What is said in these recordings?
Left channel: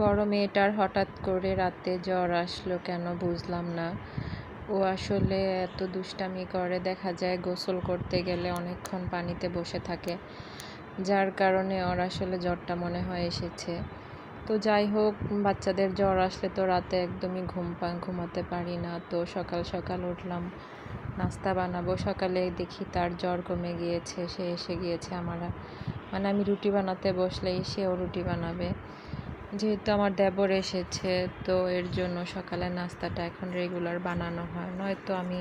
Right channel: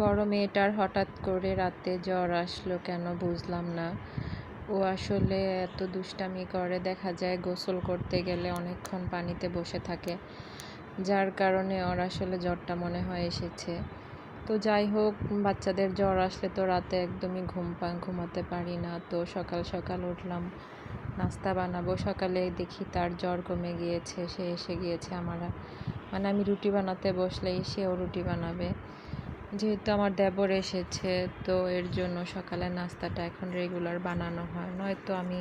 বড় মেয়েটার হঠাৎ করে রাতে জ্বর আসলো কেন বুঝলাম না। ও আসলে এত দুষ্টামি করে, দেখা যায় গোসল করতে গেলে অনেকক্ষণ পানিতে বসে থাকে, যার কারণে ওর আসলে জ্বরটা মনে হয় এসেছে। তো যাই হোক, বাচ্চাদের জ্বর আসলে তো রাতে একদমই ঘুমাতে পারি না। তো সকাল সকাল উঠলাম, নাস্তা বানাবো। সকালে দেখি তার জ্বর কমে গিয়েছে, সে এসে গিয়েছে। আমি রুটি বানাতে বসলেই সেও রুটি বানাবে। যেহেতু আমার দেবর এসেছে, তো এর জন্য সকালের নাস্তাটা এখন রেগুলার বানানো হয়, নয়তো আমি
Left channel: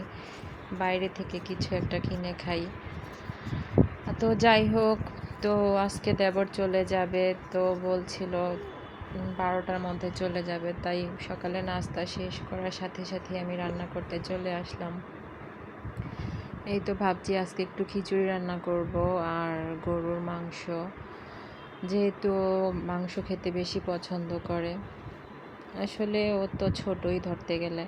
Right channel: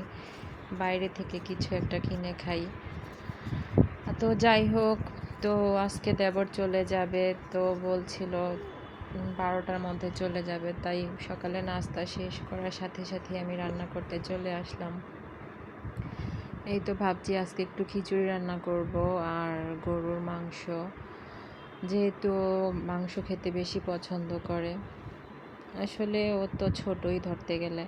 বাইরে থেকে কিছু একটা কিনে খাই। তো যাই হোক, তো আজকে দেবর চলে যাবে, তো বলছিল 12টার মধ্যে চলে যাবে। তাই সকালে নাস্তা শেষ করার সাথে সাথে আমি রান্না করতে চলে আসলাম। এই তো ভাবছি আজকে একটু খিচুড়ি রান্না করব আর গরুর মাংস, যেহেতু মাংস খেতে বেশি পছন্দ করে। আসলে ও তো ছোটই ধরতে গেলে।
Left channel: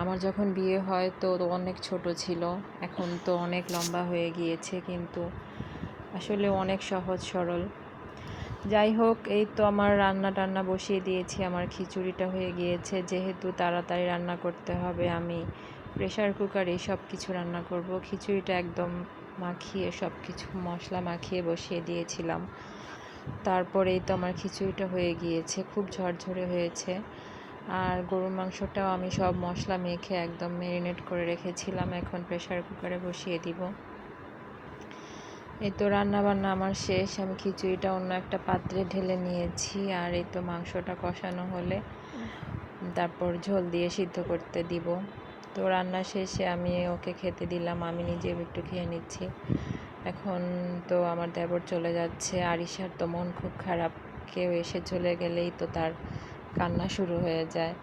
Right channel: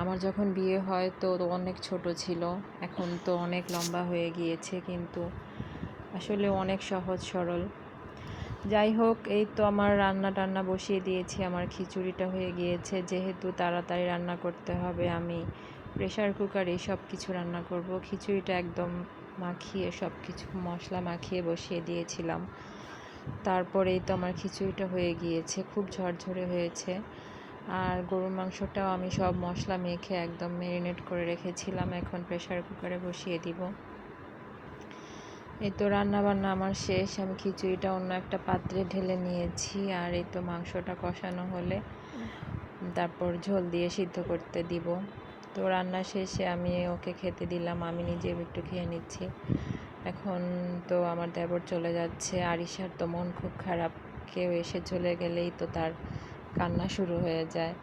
আমার যখন বিয়ে হয় তো অনেক ছোট ছিল, এখন তো অনেক লম্বা হয়ে গিয়েছে, কিন্তু আসলে অনেক সহজ সরল। যাই হোক, এই তো আমার রান্না টান্না বসিয়ে দিয়েছি, আমার খিচুড়িটা হয়ে গিয়েছে। যেহেতু তাড়াতাড়ি রান্না করতে হবে, আমি প্রেশার কুকারে সব কিছু রান্না করব। খিচুড়িটা একদম মাখিয়ে, সব কিছু মশলা মাখিয়ে বসিয়ে দিয়েছিলাম। তারপরেই তো আমার খিচুড়িটা হয়ে গিয়েছে, খুব ঝরঝরে হয়েছে। আর গরুর মাংসটাও আমি সব মশলা মেখে একদম ম্যারিনেট করে রেখেছিলাম, এখন প্রেশার কুকারে বসিয়ে দিব। এই তো রান্নাবান্না আমার শেষ, আমি খিচুড়িটা অন্য একটা পাত্রে ঢেলে নিয়েছি। আর এই তো মাংসটা কষানো হলে তারপর ঝোল দিয়ে সিদ্ধ করতে দিব। তো রান্না শেষে আমি ওকে খেতে দিলাম, আমি নিজেও একটু খেয়ে নিচ্ছি। এখন তো আমার দেবর চলে যাচ্ছে। আরিশার তো মন খুব খারাপ, কেউ এসে চলে গেলেই তো তার কান্না শুরু হয়ে যায়।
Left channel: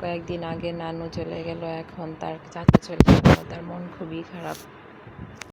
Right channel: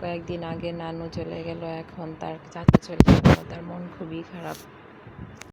কয়েকদিন আগে নানু চলে গেল, এখন তার চাচা চলে গেল, তার মন খুবই খারাপ।